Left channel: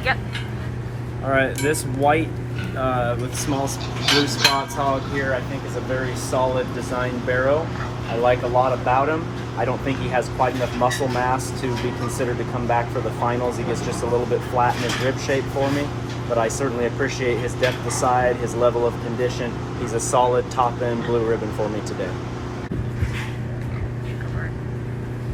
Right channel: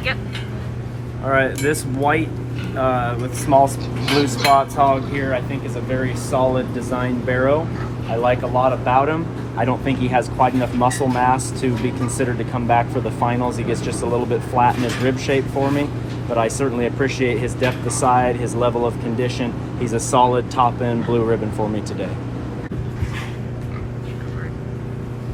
Market. All right, this white with small blue spots hog here I think is a very solid design barrow. I like a lot about him. I don't think he has quite enough muscle mass to be considered to come back for the finals. He gets just a little bit flat in his rib shape for me, but I certainly appreciate his depth of side, his level of condition. He's a solid top end blue ribbon for me today.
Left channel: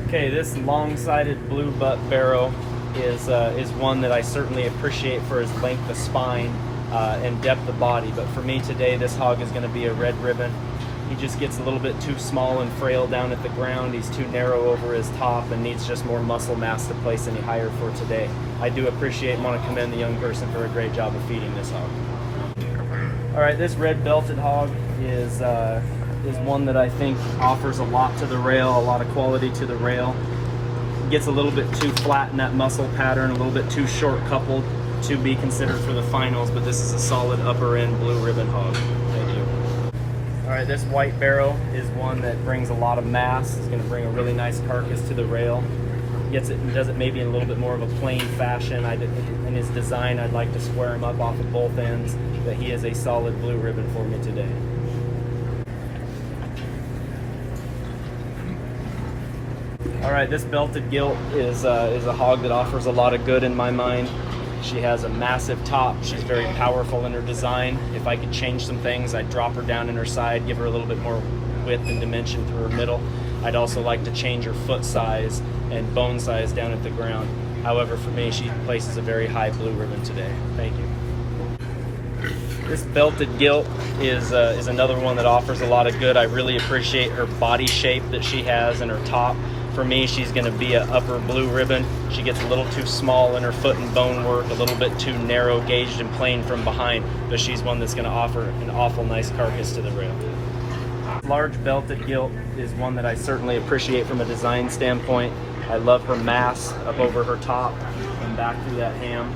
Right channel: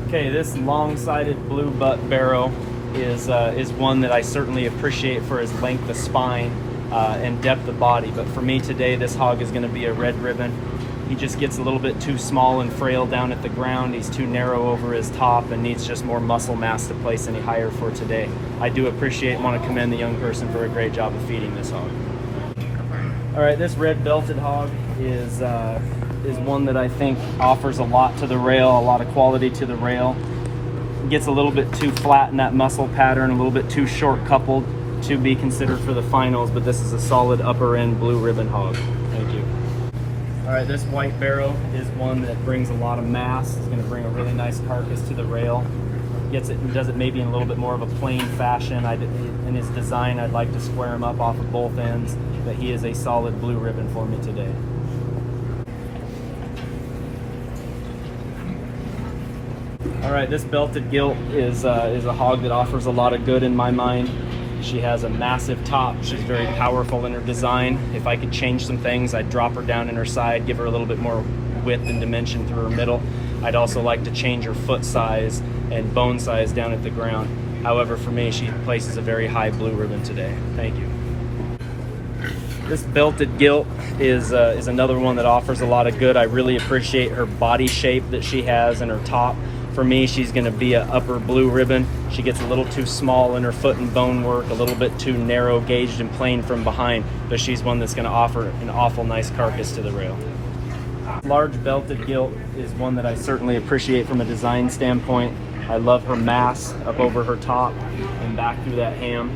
Okay, this long-sided blue butt barrow is one that I certainly appreciate for his length of spine and depth of body, but for me today this hog is going to be a red ribbon. He just gets a little bit too small and frail down at the ground. He's too narrow over his top and needs just more muscle mass to place any higher for today. I do appreciate and want to commend the young person for a great job of feeding this hog. All right, this red belted hog is one that I think offers a lot to the rail, a lot of quality to the rail. Gets a little bit too flat in that muscle pattern, a little bit too short coupled to be considered for the finals, but this is a solid upper end blue ribbon hog. Thank you. All right, this white barrow is one that brings a lot of mass. It's going to bring a really nice carcass to the rail. Gets it and does it maybe in a little bit more of a plain fashion. In his design, I'd like to square him up off of both ends, but he is a solid blue ribbon for me today. All right, this belted gilt is a hog that offers a lot of good in my mind. She has a massive top. She's very powerful in her design. If I could change some things, I'd drop her down in her side, give her a little bit more width and dimension through her middle. I'd also like to change her foot size and bone size down at the ground. However, for me, she places a very high blue ribbon today. Thank you. This belted gilt is another one that offers a lot of good. I really appreciate her body shape that she has and her top. For me, she's going to be an upper blue ribbon. She gets a little too small in her foot and bone work, a little bit too narrow gauged and plain from behind, but she's one that's going to offer an awful nice carcass to the rail. Large belted gilt is one that I certainly appreciate from a design standpoint. I love her mass up over her top and back through that ham.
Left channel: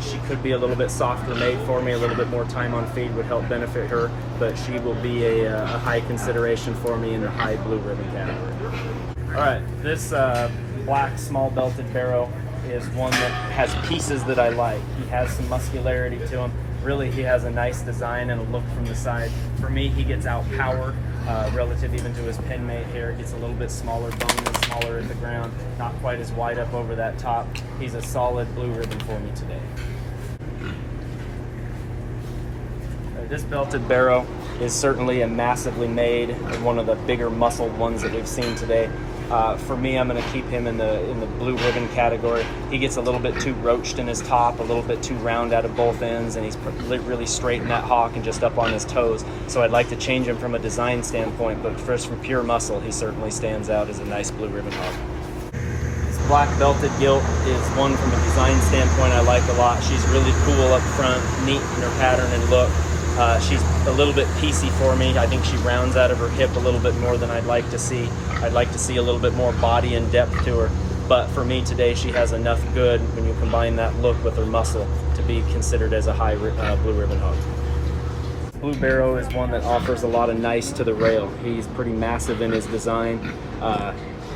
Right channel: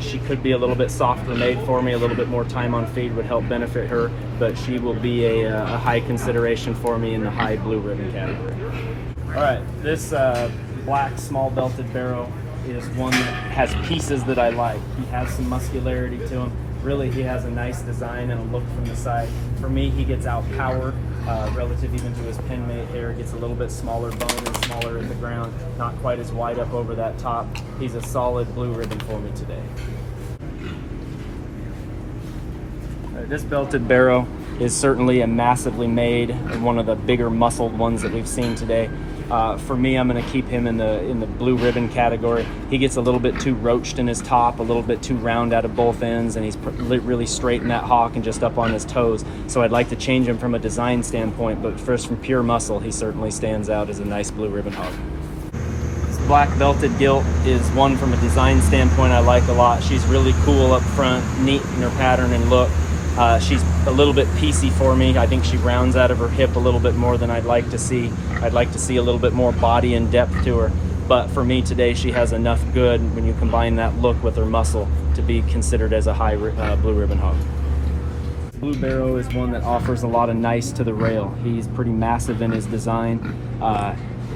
She could be a little bit softer made for me. A little bit more time on feed would help benefit her, but she will be a high consideration for me in the high blue ribbon category. All right, this black small belted barrow is one that has pieces that I like. He has some muscularity to him. Really, he has a nice design and a look from the side. For me, he gets outpowered relative even to his pin mate here. Gets a little bit smaller bone and smaller in the ground. Not quite as wide up over that top. He's a solid blue ribbon for me today. This belted barrow is certainly a massively made, one of the bigger muscled ones that we've seen today. For me, I'm going to keep him in the blue ribbon category. He gets a little bit too roached in his top, a little bit too round out of both ends, and he's really straight in that hock and just up on his toes. So I'd like to change him from a design standpoint, but first from pure muscle, he certainly stands out as a nice blue ribbon hog. This black belted gilt is one from a design standpoint I like a lot. She's really cool up front, neat in her pattern and look. She's a little bit piecey for me. I think she rounds out of her hip a little bit more than I'd like to see. I'd like to see a little bit more body and depth to her. But for me today, she has enough good when you combine that look with her muscle to be considered as a high blue ribbon hog. Blue barrow is one that offers a lot of nice to the rail. He's pretty massive in his design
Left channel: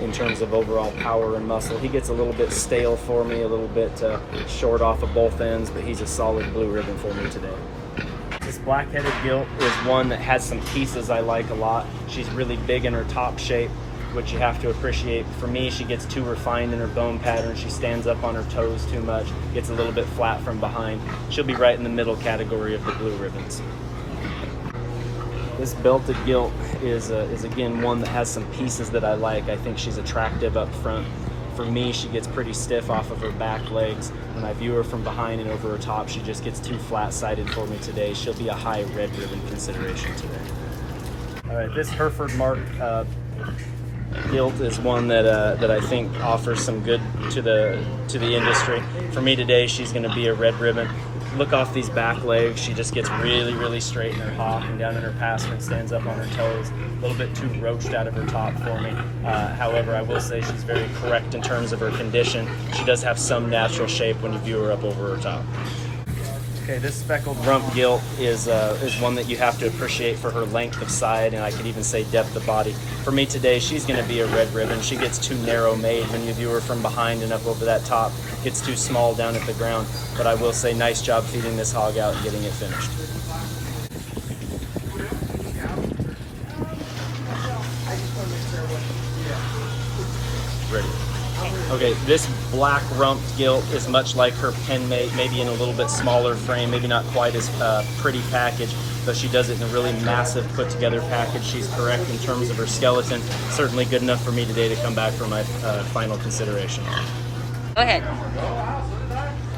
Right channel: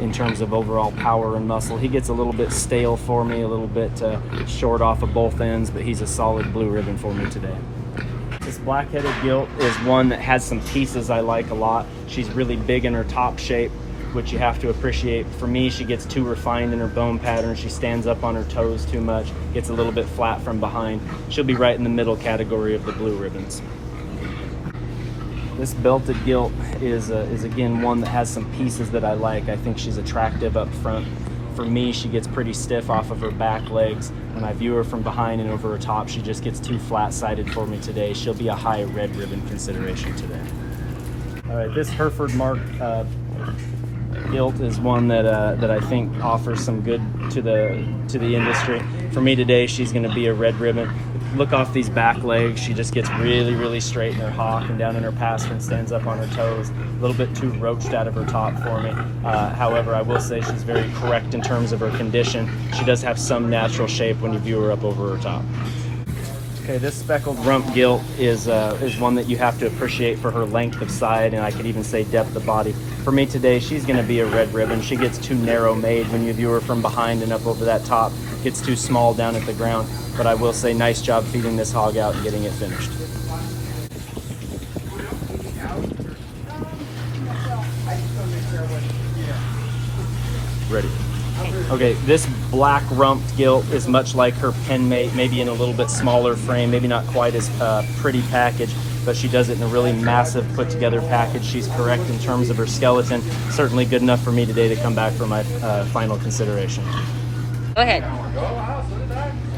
in terms of overall power and muscle. He gets a little bit stale for me, a little bit short off of both ends, but he's a solid blue ribbon for me today. This black-headed gilt is one that has some pieces I like a lot. She's really big in her top shape, which you have to appreciate. For me, she gets too refined in her bone pattern. She stands up on her toes too much, gets a little bit flat from behind. She'll be right in the middle category of the blue ribbons. This belted gilt is again one that has some pieces that I like. I think she's attractive up front. For me, she gets pretty stiff off of her back legs. When I view her from behind and over her top, she just gets too flat-sided for me today. She'll be a high red ribbon consideration today. All right, this Hereford Mark gilt is one that I think offers some good to the industry. For me today, she's going to be a red ribbon. Look off these back legs. She just gets really straight in her hock and down in her pass and stands up on her toes. A little bit too roached out of her top for me. However, I will say she's very correct in terms of her condition. She does have some natural shape when you view her up over her top. Okay, this speckled rump gilt is one that you have to appreciate for her length of side, and I could even say depth of body. For me today, she's going to be a red ribbon. She gets too narrow made when you view her from behind and up over that top. Gets too small down at the ground, but I will say nice job feeding this hog out and getting it finished. Ready. Okay, this black rump gilt is much like her pen mate, maybe in a little bit smaller frame, maybe not quite as pretty package, but she does it in a really massive put together package. She's correct in terms of her skeleton. Certainly good enough for me today to come back for my final consideration. Go ahead.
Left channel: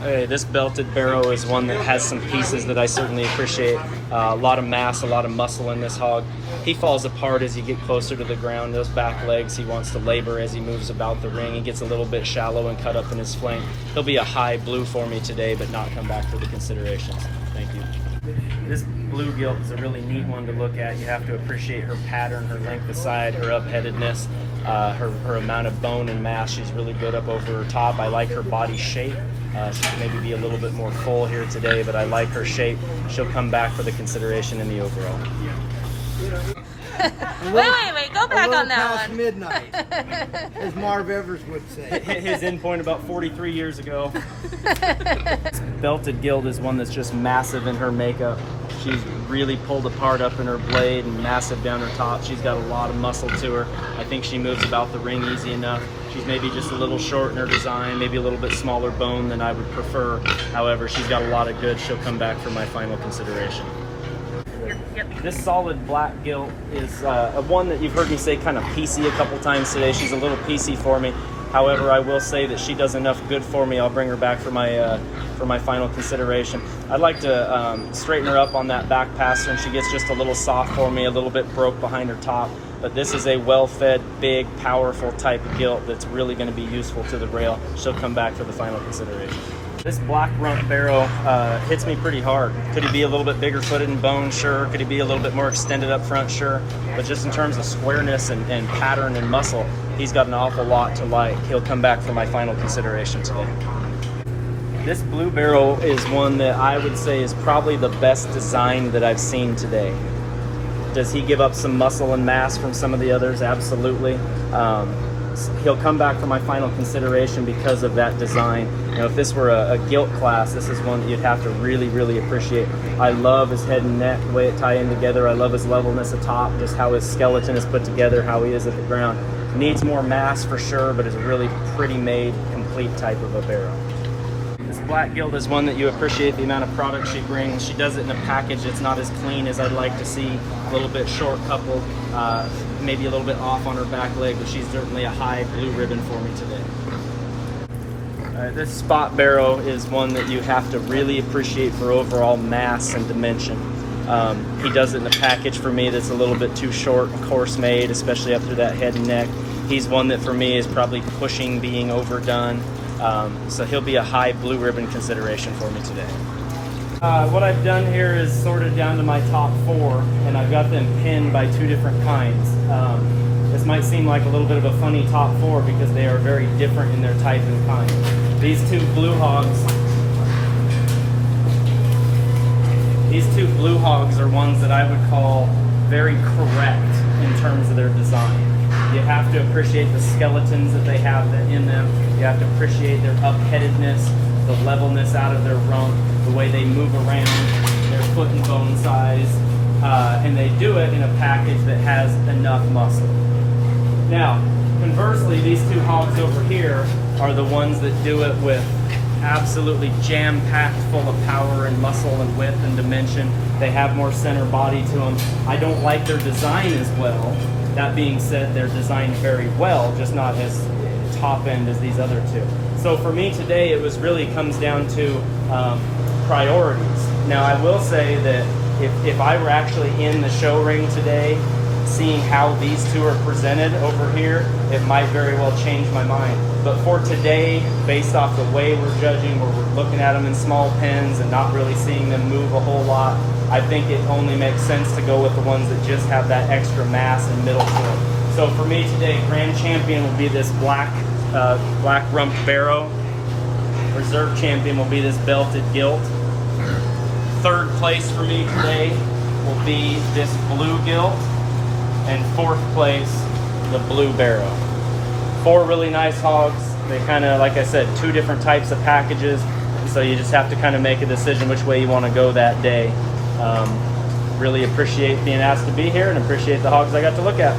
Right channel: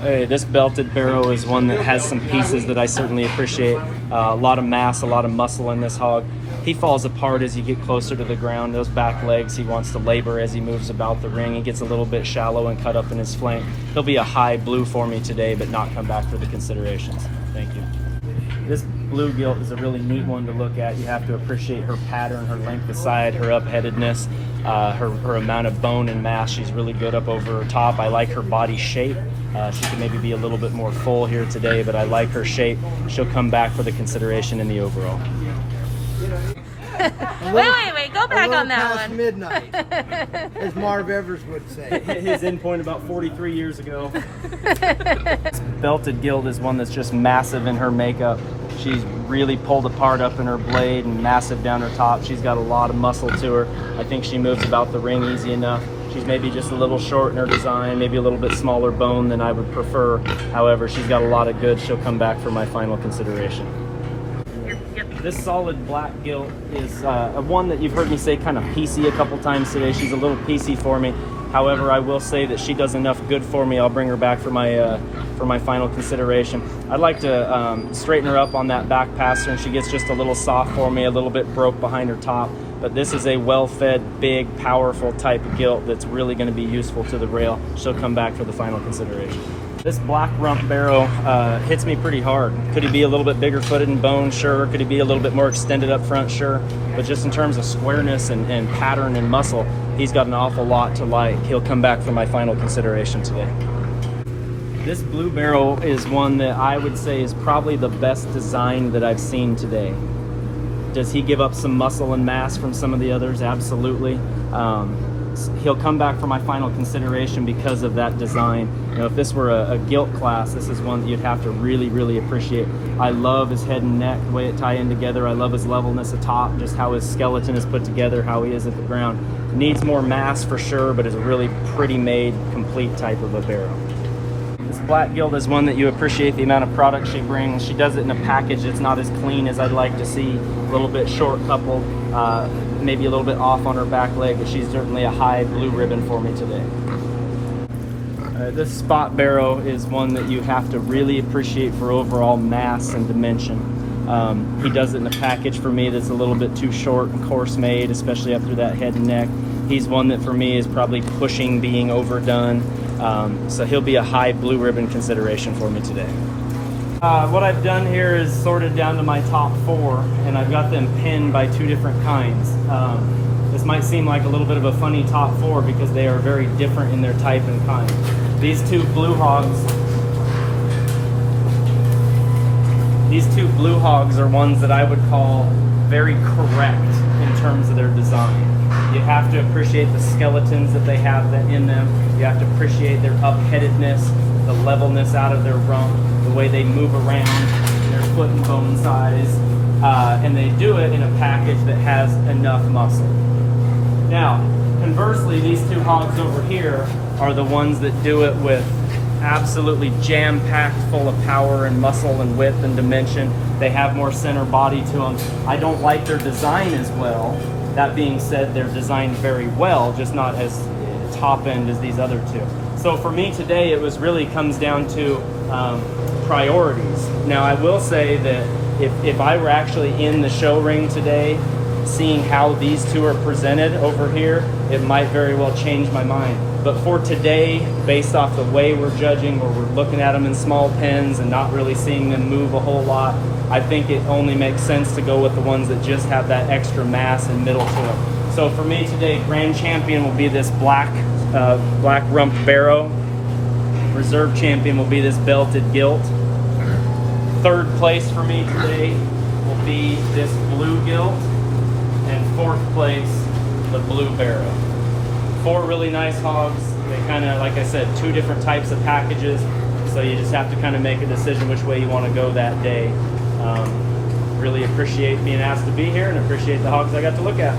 Hey, this belted barrow is one that has some pieces that I certainly appreciate. A lot of mass, a lot of muscle in this hog. He falls apart as you get closer to the ground. Those back legs, he wants to labor as he moves about the ring. He gets a little bit shallow and cut up in his flank. He'll be a high blue for me today, but not come back for the considerations. Thank you. This blue gilt is a really neat one to look at. You have to appreciate her pattern, her length of side, her up-headedness, her amount of bone and mass. She's really good up over her top. I like her body shape. She can maybe be a little bit more full here today, but I like her shape. She'll come back for the consideration in the overall. Wait, go back on that past one. midnight, as Marv Evers would say. His endpoint about 43 years ago. This belted gilt is one that's just massive in her makeup. She's really pulled apart up in her blade and massive down her top. She's got a lot of muscle to her. I think she moves about the ring easy enough. She's maybe just a little short in her design, maybe a little bit smaller bone than I would prefer. However, she's got a lot of goods. She'll come back for my final consideration. This solid black gilt is one that you've heard me say kind of piecey a couple times today. She's a little piecey for me. However, I will say that she does enough good for me. I'll bring her back for my final consideration. I'd like to straighten her up on that back pastern. She gets just a little soft for me, a little bit broke behind her top. But this is a well-fed, big, powerful type of gilt that's really going to be useful to the rail. She'll come back for the final consideration. This black rump barrow hits me pretty hard. Could he be a little bit bigger footed and bone? Sure. Could he be a little bit more extended up front? Sure. But just in terms of squareness and pattern and muscle, he's got an awful lot to like. He'll come back for my final consideration today. This blue barrow is one that I would say is probably the best design that I've seen today. Does he give up some muscle and mass from some of the others? Absolutely. He'll come back for my final consideration because of that design. You know, if this were a gilt class, this is one that you'd have to really, really appreciate. I love his head and neck, the way it tie in together. I love his levelness atop, just how his skeleton is put together, how he is at the ground. Needs more mass for sure, but is a really pretty made, complete type of a barrow. This black gilt is one that you appreciate the amount of product she brings. She does it in a package. It's not as clean as I'd like to see. A little bit short coupled, maybe a little bit off on her back leg, but she's certainly a high blue ribbon for me today. This spot barrow is one that you have to really appreciate for overall mass and dimension. He does it in a package for me that's a little bit too short and coarse made, especially up through that head and neck. He's one that for me is probably pushing being overdone. So he'll be a high blue ribbon consideration for me today. What I've done here is sorted down to my top 4, and I've got them pinned by 2 different kinds. This might seem like a little bit of a funny top 4 because they are very different in their type and kind. These two blue hogs are ones that I would call very correct in terms of their design. You have to appreciate the skeletons that they have in them. You have to appreciate their up-headedness, the levelness out of their rump, the way they move around, their foot and bone size, and they do it in a package that has enough muscle. Now, conversely, these 2 hogs over here are the ones that do it with absolutely jam-packed full of power and muscle and width and dimension. They have more center body to them. I don't like their design as well. That being said, they're designed very well, just not as top end as these other 2. So for me today, it really comes down to priorities. Now I will say that if I were actually in the show ring today, seeing how these 2 are presented over here, it might very well change my mind. But for today, based off the way we're judging, where we're looking at them in small pens and not really seeing them move a whole lot, I think it only makes sense to go with the ones that just have that extra mass and middle to it. So for me today, grand champion will be this black rump barrow. Reserve champion will be this belted gilt. third place for me today will be this blue gilt, and fourth place, the blue barrow. 4 really nice hogs. They kind of, like I said, 2 different types of packages, so you just have to kind of make a decision which way you want to go that day. Really appreciate being asked to be here and appreciate the hogs I got to look at.